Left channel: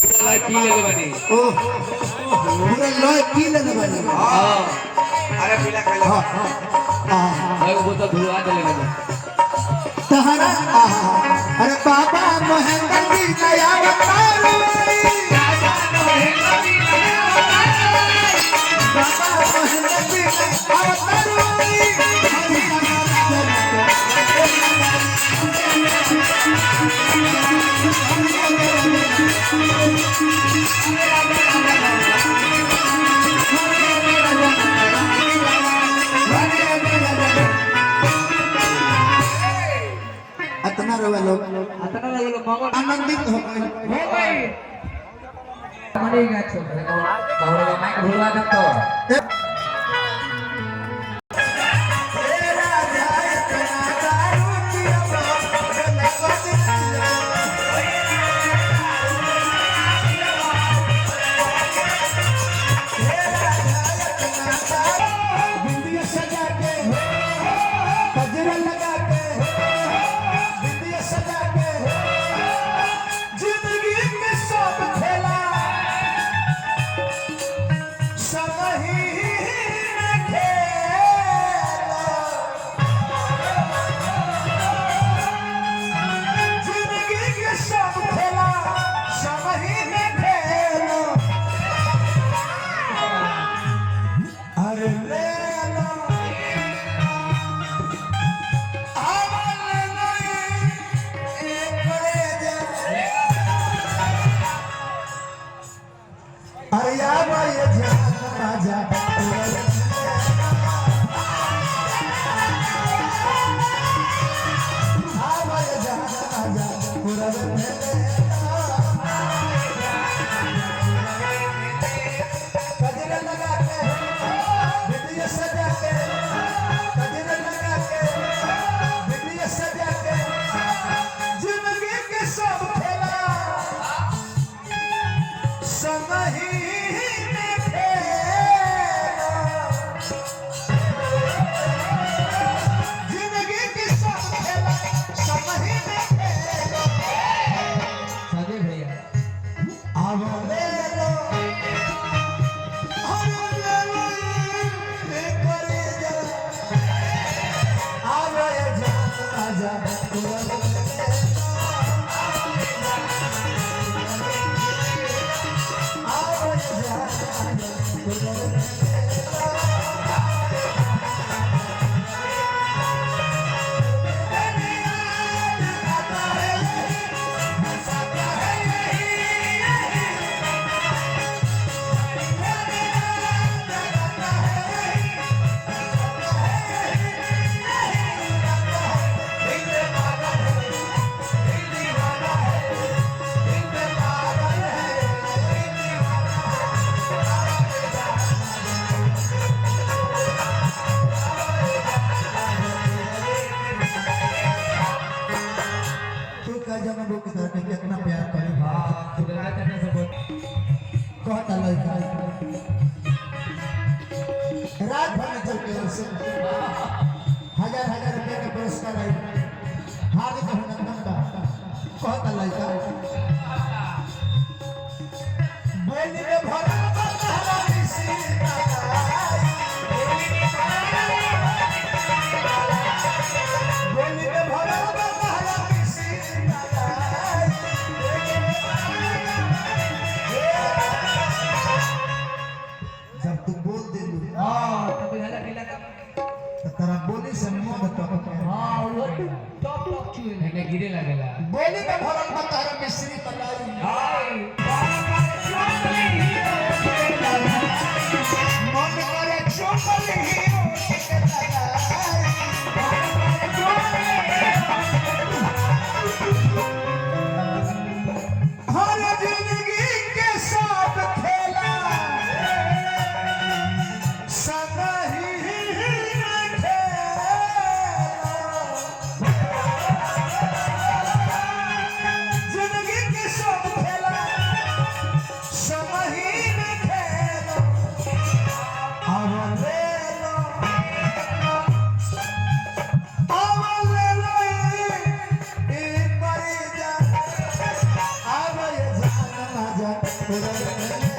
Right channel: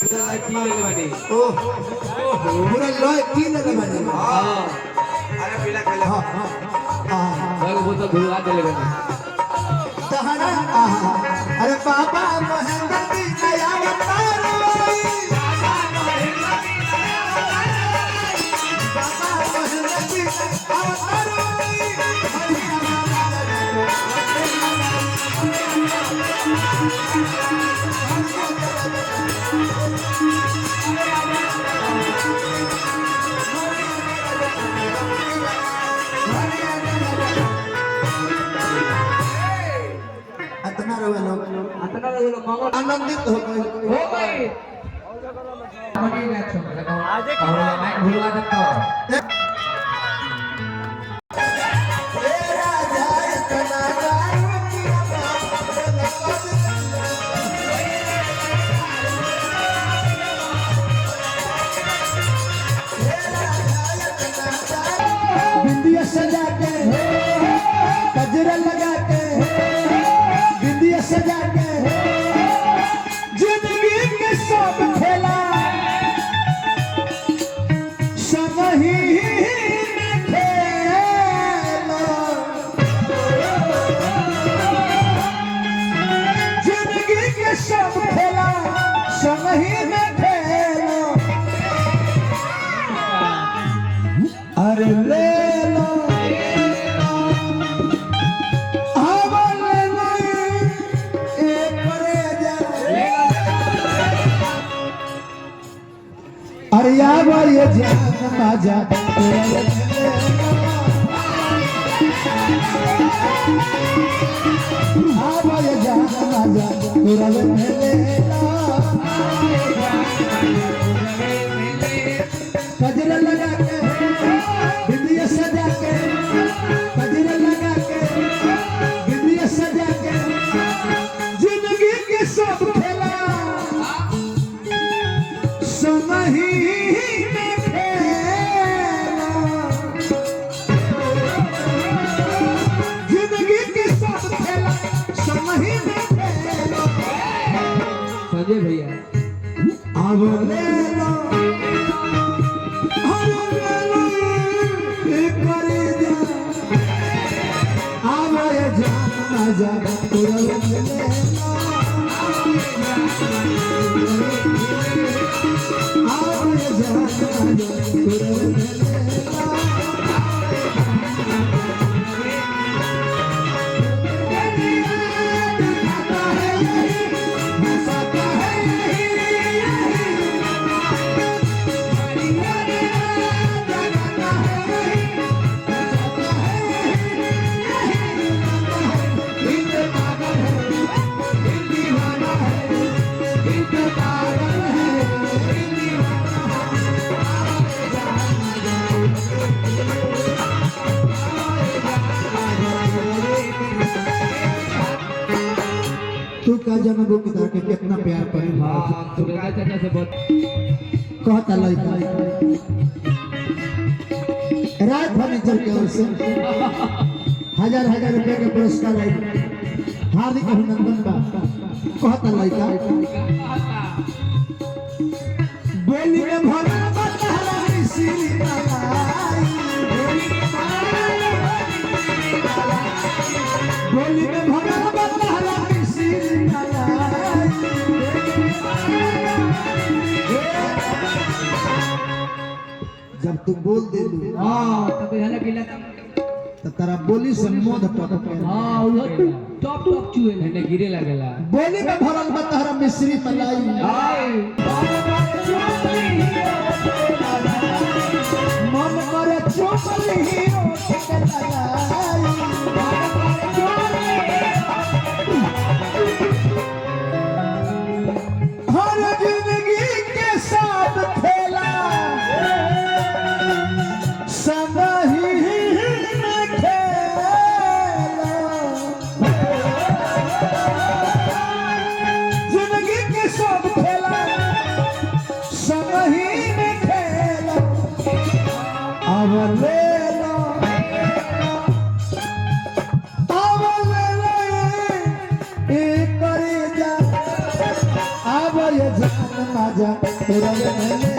पी लेले बानी ओ पूरा लोए पी लेले बानी हां अरे पीला खाइला हां एगो बोतल धुला देले बानी तहरा अरे बाबा महेंद्र जी नया अवतार अतना रोवा लोग आनंदित हो गए मनी गाछो और माइक भुलवा दे तो बिंदिया सजा के गजरा लगा के बिंदिया सजा के जिंदगी के सब खेला संग ही में खेला जिंदगी के सब खेला संग ही में खेला अरे ले लो आवल नहीं एक करे जा अरे यार ये जान बाजा आवा ये जान बाजा कुरल मेले गजरा लगा के बिंदिया सजा के गजरा लगा के बिंदिया सजा के जिंदगी के सब खेला संग ही में खेला जिंदगी के सब खेला संग ही में खेला संजय भैया आवो ले लो तू का जनबो की तरह के कितना प्यार करे तो का चलने से बहुत कहता लड़का रात भर में चल के ओर से हजार हजार रुपए का पुरस्कार आई हार्दिक अभिनंदन का कहता लड़का बोली में भरा बता मिसिरी बोली में भरा बता मिसिरी जब तू बोल दे लू हां तब हला गिला तो तारा बोली से मध टप के हां वो टॉप टॉप चुए ने गिरे लागेला बोली में भरल बता मिश्री मलाई हाय मन करे चोकली हीरो के मलाई हर जिंदगी के साथ खेला संग ही में खेला जिंदगी के सब खेला पूरा